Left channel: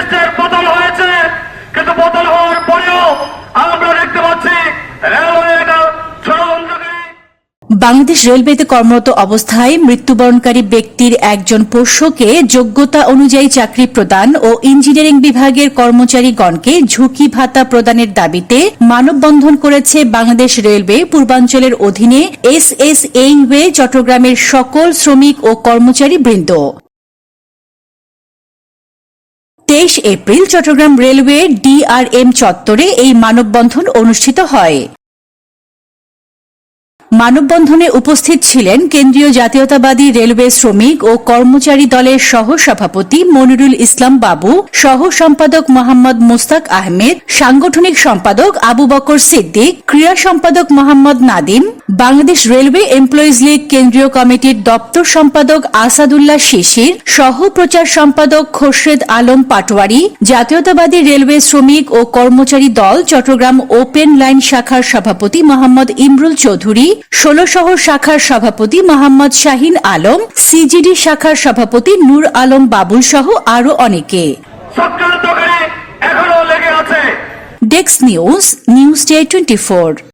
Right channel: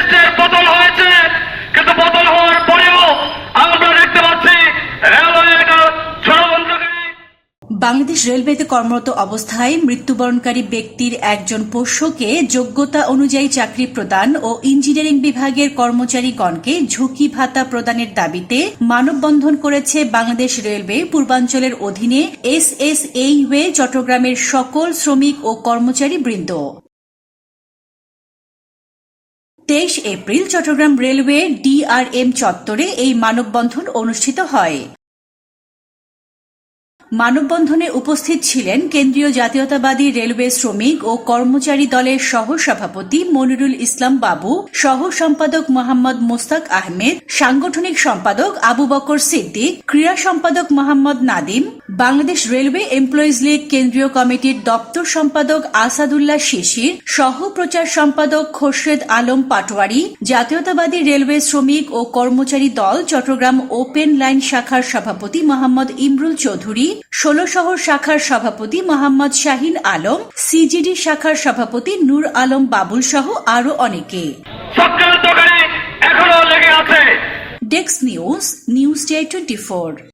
ফ্যাসিস্টের পতন হয়েছে, কিন্তু পতন হওয়ার পরেও আমরা দেখতে পাচ্ছি রেলওয়ে একটা ষড়যন্ত্রকারী। বাংলাদেশ রেলওয়েতে কর্মরত অবস্থায় মৃত্যুবরণকারী ব্যক্তির একজন পোষ্যকে যোগ্যতা অনুযায়ী চাকরি প্রদান ও ইঞ্জিনিয়ারিং বিভাগের কর্মচারীগণকে ঝুঁকি ভাতা প্রদানের দাবিতে মানববন্ধন করেছে বাংলাদেশ রেলওয়ে পূর্বাঞ্চলের অধীনে এসএসএইওয়ে চট্টগ্রামের সকল শ্রমিক ও কর্মচারী বৃন্দ। 23 এপ্রিল চট্টগ্রাম রেলওয়ে ডিআরএম চত্বরে এই মানববন্ধন অনুষ্ঠিত হয়। মানববন্ধনে উপস্থিত ছিলেন কেন্দ্রীয় জাতীয়তাবাদী রেলওয়ে শ্রমিক ও কর্মচারী দলের সহ সভাপতি মনিরুল ইসলাম বাবু, সহ সম্পাদক মোহাম্মদ মুস্তাক আহমেদ, সাংগঠনিক সম্পাদক আবু বকর সিদ্দিক, ক্রীড়া সম্পাদক মোহাম্মদ নাদিম, বাংলাদেশ রেলওয়ে এমপ্লয়িজ লীগ কেন্দ্রীয় কমিটির দপ্তর সম্পাদক আসাদুল্লাহ শিশির, সহ প্রচার সম্পাদক খোরশেদ আলম পাটোয়ারি, জাতীয়তাবাদী রেলওয়ে শ্রমিক ও কর্মচারী দল চট্টগ্রাম ওপেন লাইন শাখার সভাপতি মোহাম্মদ ইমরুল চৌধুরী, 16 শহর শাখার সভাপতি মোহাম্মদ শাহিন আলম, সিজিডি শাখার সভাপতি নূর আলম বাবুল সহ আরো অনেকে। চক্রান্তকারী এখনো লেগে আছে। Desk news, news day 24।